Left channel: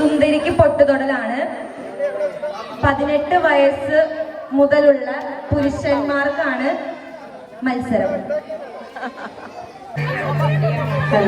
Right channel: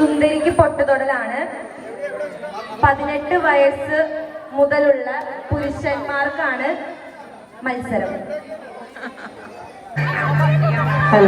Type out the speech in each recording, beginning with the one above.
സുന്ദരിക്ക് പൊട്ടുതൊടലാണ്. പതിനെട്ട് വയസ്സ് മുതലുള്ള പുരുഷന്മാർക്കാണ് മത്സരം. തല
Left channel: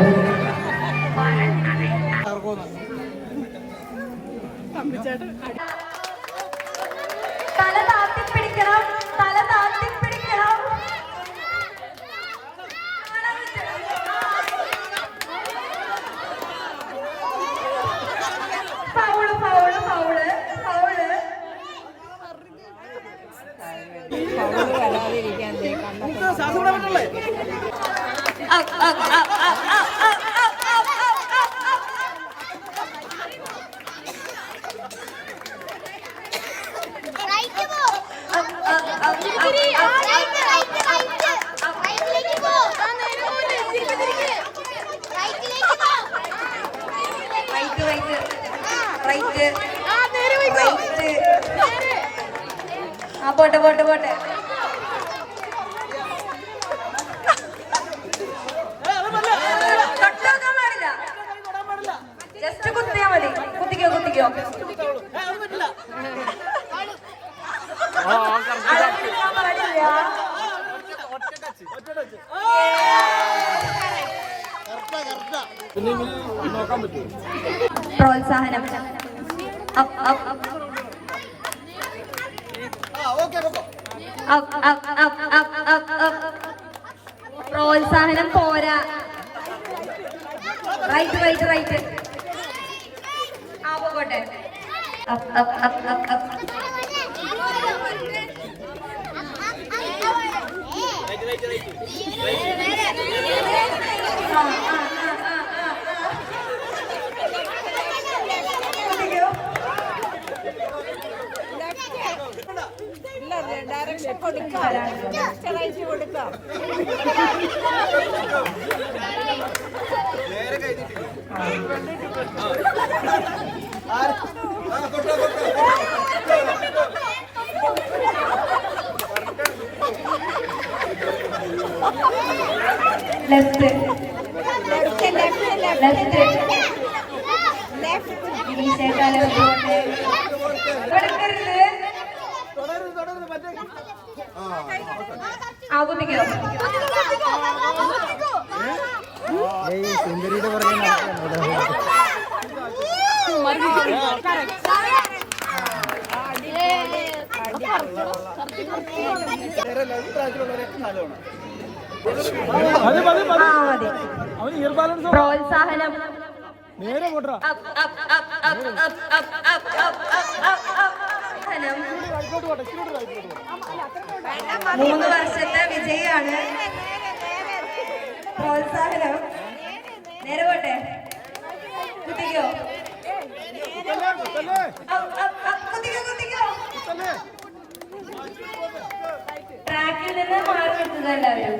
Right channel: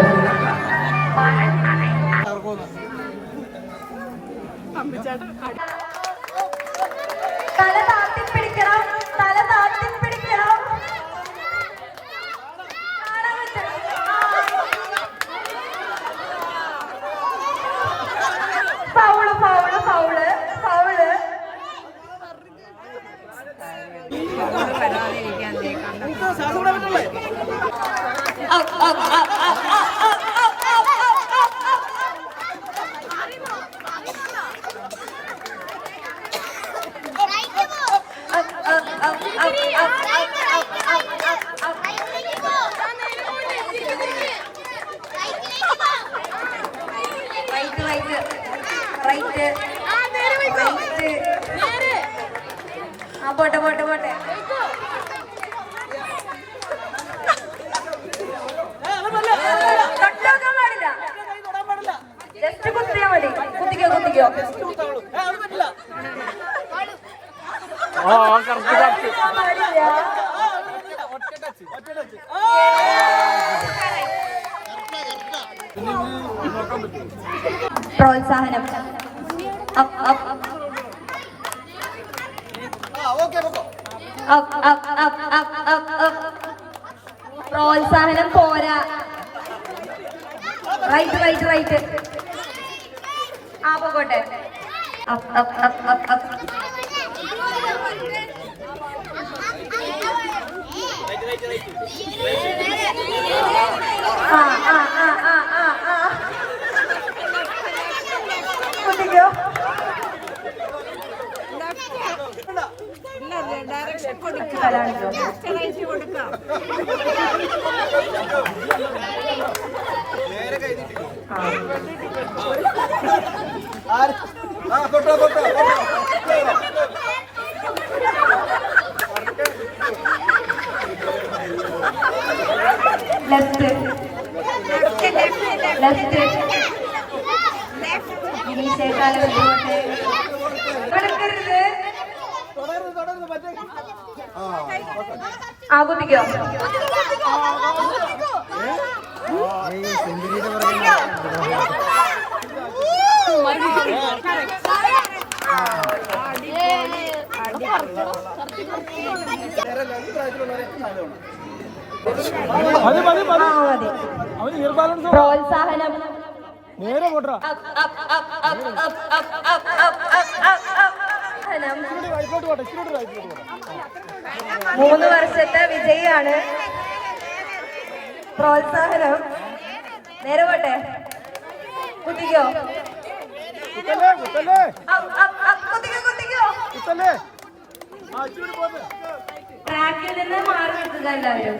പ്രോത്സാഹനം പോരാ. റൈറ്റ് റൈറ്റ് റൈറ്റ് ആ പോകട്ടെ. ആ ആ. ലെഫ്റ്റ് ലെഫ്റ്റ് ലെഫ്റ്റ് ലെഫ്റ്റ് ഗിരീശേക്കാലം തുടരുത് തുടരുത് മറ്റേ ആകുപിക്കോ പ്രോത്സാഹനം. നേരെ കൊട്ടാ മൂന്ന് വർഷത്തെ വിജയാണ് പ്രോത്സാഹനം. നേരെ പോട്ടെ. കുത്തിക്കോ. ട്രാക്കിൽ നിന്ന് മാറി നിൽക്കുക എല്ലാവരും.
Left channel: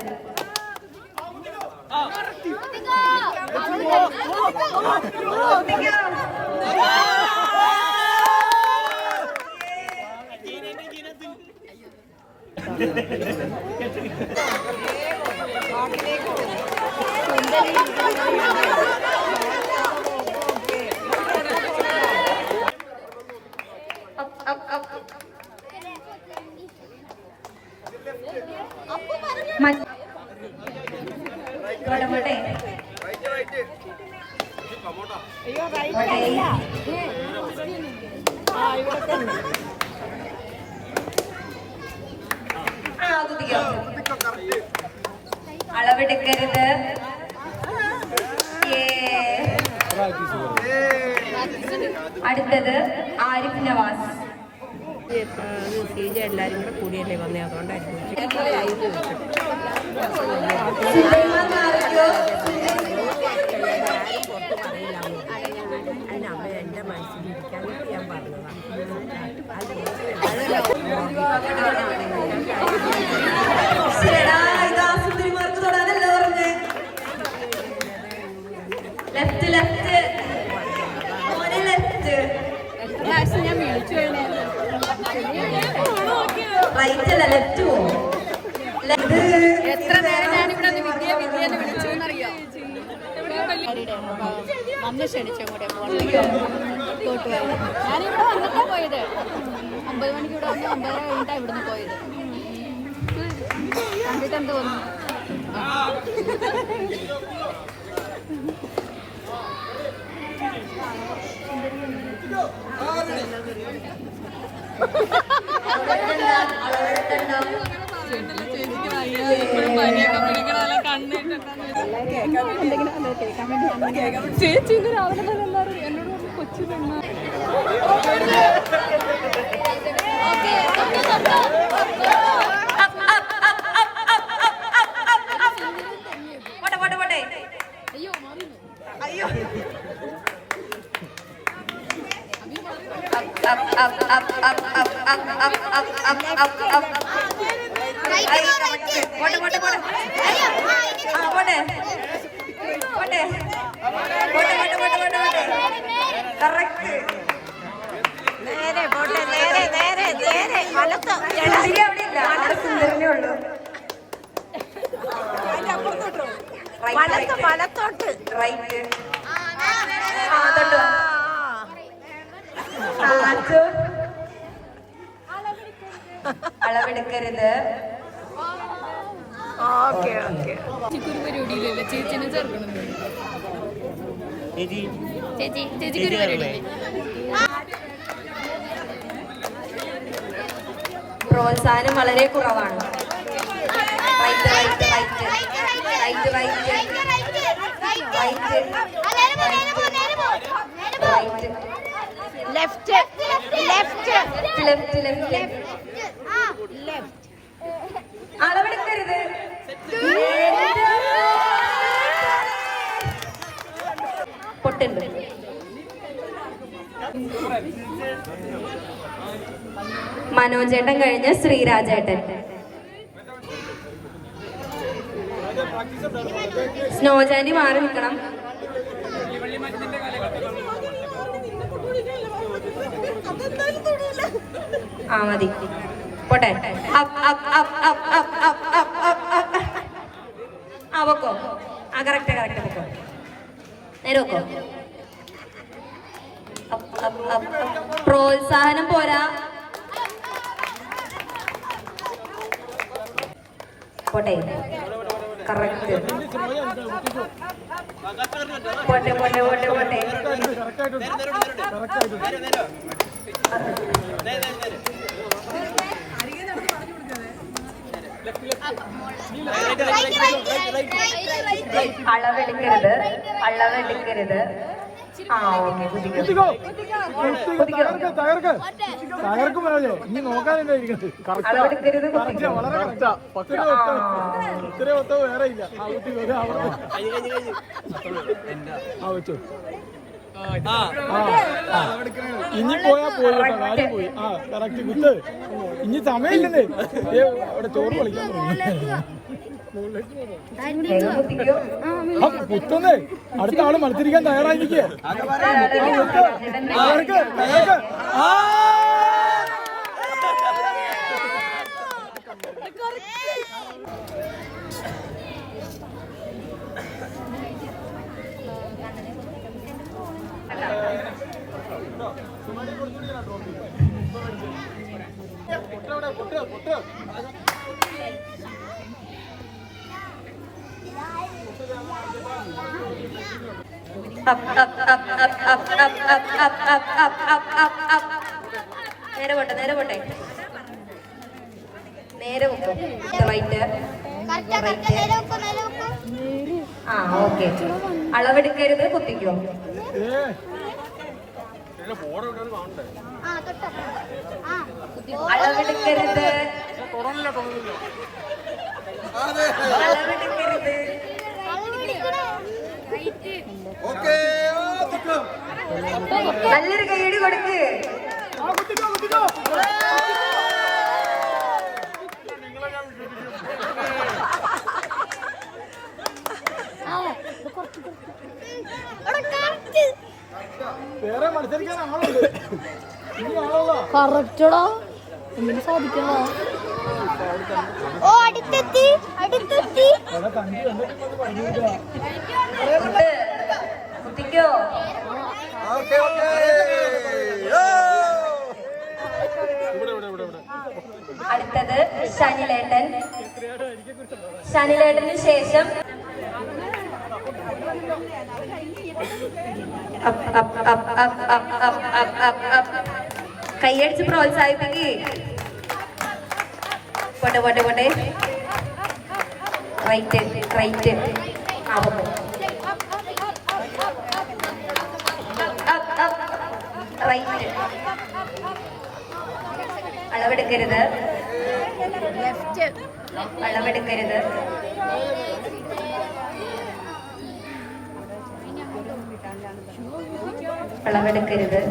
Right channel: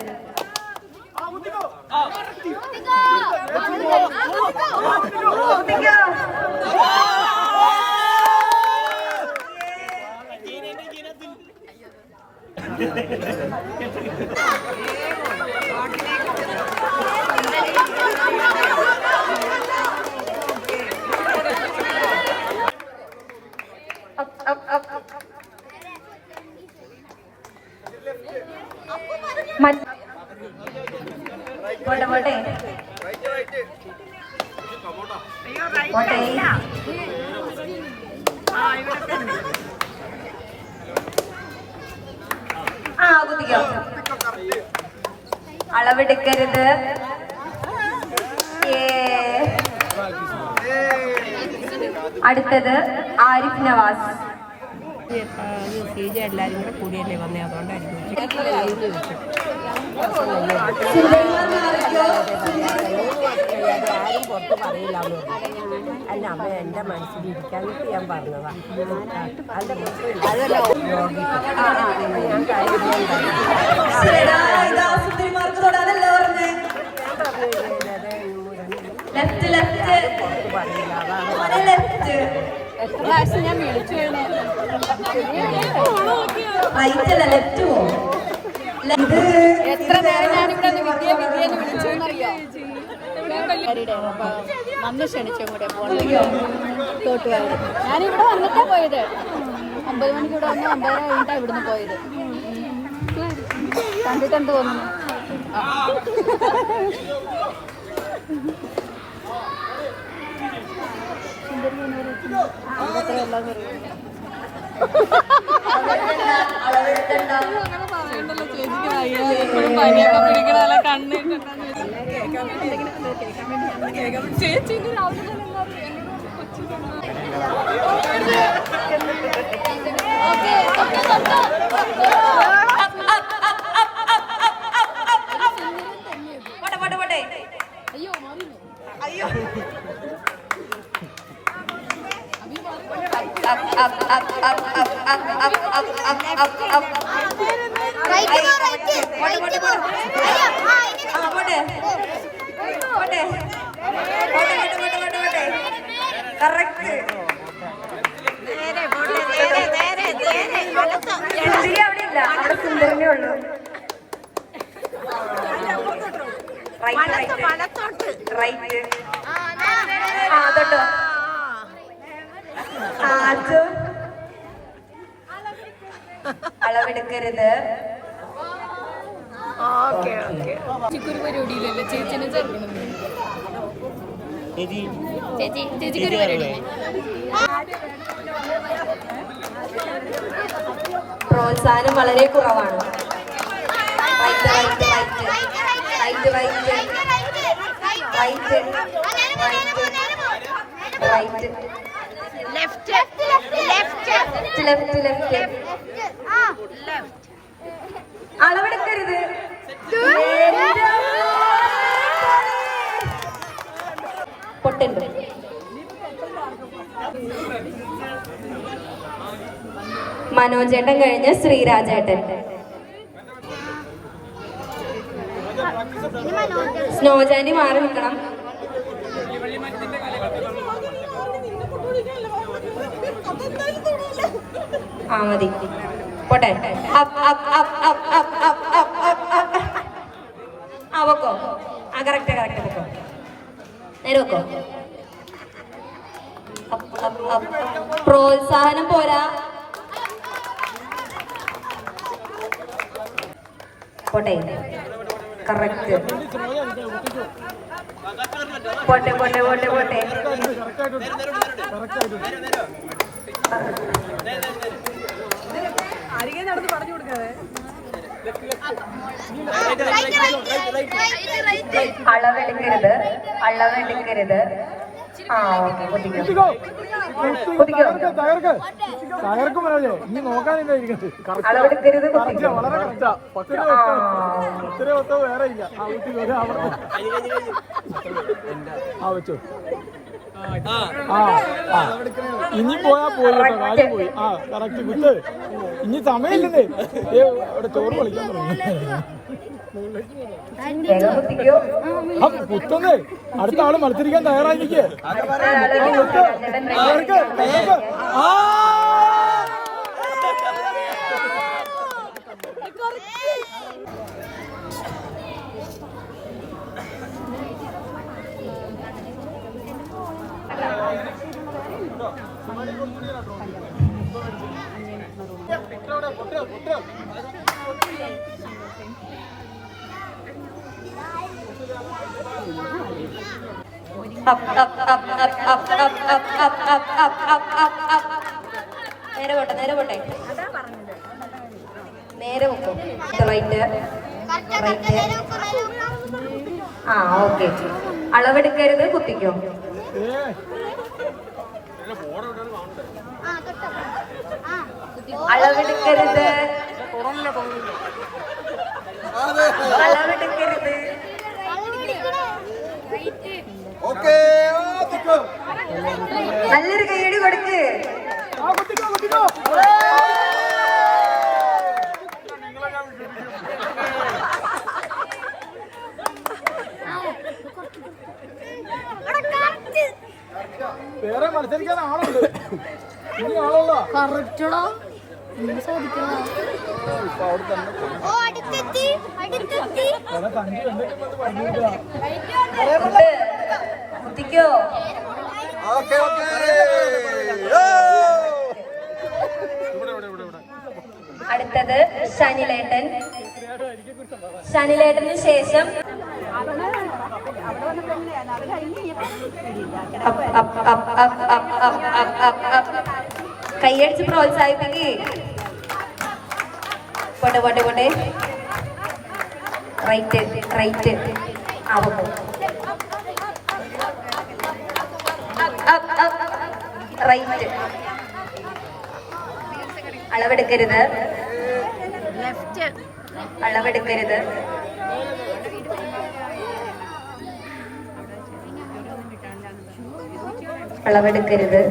അയ്യോ റൈറ്റ് അല്ല. ആ ഇവിടെ ആകുതിയോ അളവെടുക്കരുത്. അടുത്തത് ആരിഫ് നവാസ്. എല്ലാരും കൂടെ കൂടിയല്ലേ വന്നേ അതുകൊണ്ടായിരിക്കും അല്ല അമ്മ എന്റെ മനസ്സിലിരിക്കാൻ ഞാൻ പറഞ്ഞതാണ് മമ്മി ക്ഷണിച്ചും കൂടെ പോകണം. തോട്ടുകാരി ഞാനിവിടെ വന്നിട്ടാണ് പോയത്. ഒമ്പത് മണിക്കൂടെ വന്ന് ഒമ്പതര കഴിഞ്ഞിട്ടാണ് ഇവിടുന്ന് പോയത്. കണ്ടിട്ട് എന്ത് തോന്നുന്നു അങ്ങനെ പറയണ്ടല്ലോ ചേച്ചിക്ക് വയ്യ പനിയൊക്കെ ചേച്ചി രാവിലെ തന്നെ എന്നോട് കൊച്ചു പോട്ടെ അയ്യോ അയ്യോ Up, up, up, up, up, up, up, up, up, up, up, നേരെ പോട്ടെ നേരെ നേരെ നേരെ. വലത്ത്. വലത്ത്. വലത്തോട്ട്. റൈറ്റ് അളവെടുക്കരുത്. ചേർക്കണം ചേച്ചി. പ്രോത്സാഹനം വളരെ കുറവാണ്. ലെഫ്റ്റ് ലെഫ്റ്റ് ലെഫ്റ്റ് ലെഫ്റ്റ് അളവെടുക്കരുത്. പാട്ടുണ്ട്. മനോജേട്ടൻ കഴിഞ്ഞ് ശ്രീരാജേട്ടൻ. സ്നോജാനി മാറി നിൽക്കണം. ആ മതി. പോട്ടെ. ആ വെക്കോ. ആ കറക്റ്റ് കറക്റ്റ് വെക്കോ നേരെ വെക്കോ. പ്രോത്സാഹനം പോരാ. പോട്ടെ. കറക്റ്റ് പോട്ടെ പോട്ടെ പോട്ടെ പോട്ടെ. അളവെടുക്കരുത്. അളവെടുക്കരുത്. കുത്തിക്കോ. കുത്തിക്കോ. തകർക്ക് തകർക്ക്. തകർക്കും മനോജെ നീ നോക്കാനില്ല ഇരിക്കുന്നത്? കറക്റ്റാ. വളരെ കറക്റ്റാ. പത്തിരി ഒത്ത ഇത്തിരി ഒത്ത വേറെ ഇല്ല. ആ ആ വെച്ചോ. ആ. ആ. ഇനി പോയാ പോയി കേട്ടോ കാര്യം പോയി. ആ കറക്റ്റ് കുത്ത് ഇനി സമയമില്ലെന്നേ. ഏ അവിടെ ചോറ് കളിക്കാൻ തുടങ്ങി. കുത്തുന്നേ അടുത്ത ആൾ മത്സരിക്കാൻ തയ്യാറായി നിൽക്കേ പൊട്ട പൊട്ട പൊട്ട നേരെ പോട്ടെ നേരെ പോട്ടെ. നേരെ വെക്കും റൈറ്റ് ആ ഓക്കെ അളവെടുക്കരുത് കുത്തിക്കോ. അളവെടുക്കരുത്. അളവെടുക്കരുത്. നല്ലൊരു കൈയടി കൊടുക്ക് വേറെ മത്സരിക്കാൻ ആളുണ്ട്. കറക്റ്റടാ. ഒന്നും സാധിക്കണോ ഓ അടുത്തെത്തി അടുത്തെത്തി. കുത്തിക്കോ അടുത്തത് ശനിലേട്ടൻ. ശനിലേട്ടന് ശേഷം കൈയടിച്ച് പ്രോത്സാഹിപ്പിക്കേ. പോട്ടെ പോട്ടെ പോട്ടെ റൈറ്റ് റൈറ്റ്. ആവും റൈറ്റ്. അളവെടുക്കരുത്. ലെഫ്റ്റ്. അളവെടുക്കരുത്. അളവെടുക്കരുത്.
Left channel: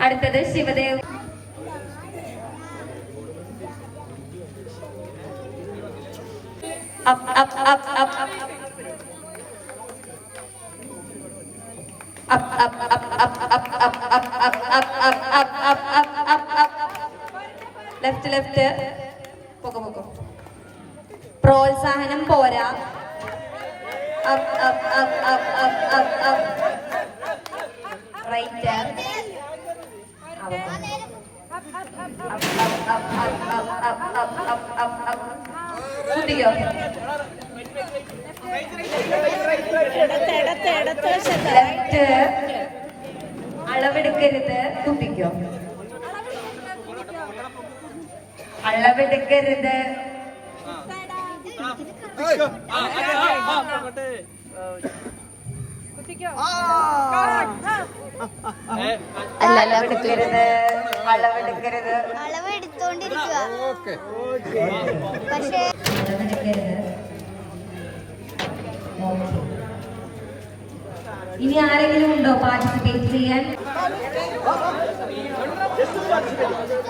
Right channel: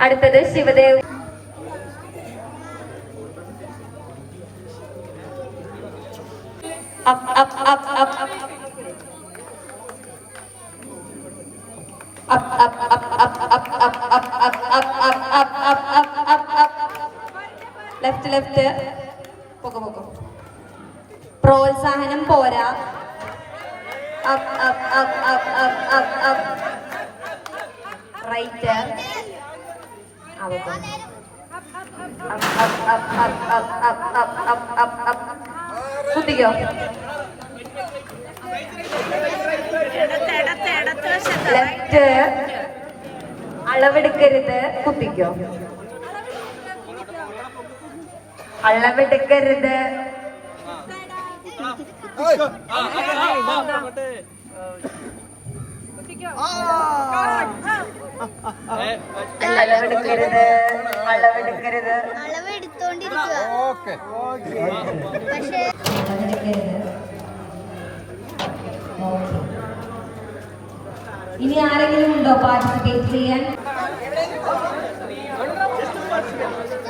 അടുത്തത് Shivadev up, up, up, up. Left left പോകും പോകും പ്രോത്സാഹനം പോരാ കിട്ടിയില്ലോ അളവെടുക്കരുത്. കുപ്പിക്കോ? അളവെടുക്കരുത്. അളവെടുക്കരുത്. ഓക്കേ. ഇനി ആരെങ്കിലും ഉണ്ടോ പാർട്ടിസിപ്പേറ്റ് ചെയ്യാൻ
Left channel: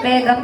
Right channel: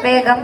വേഗം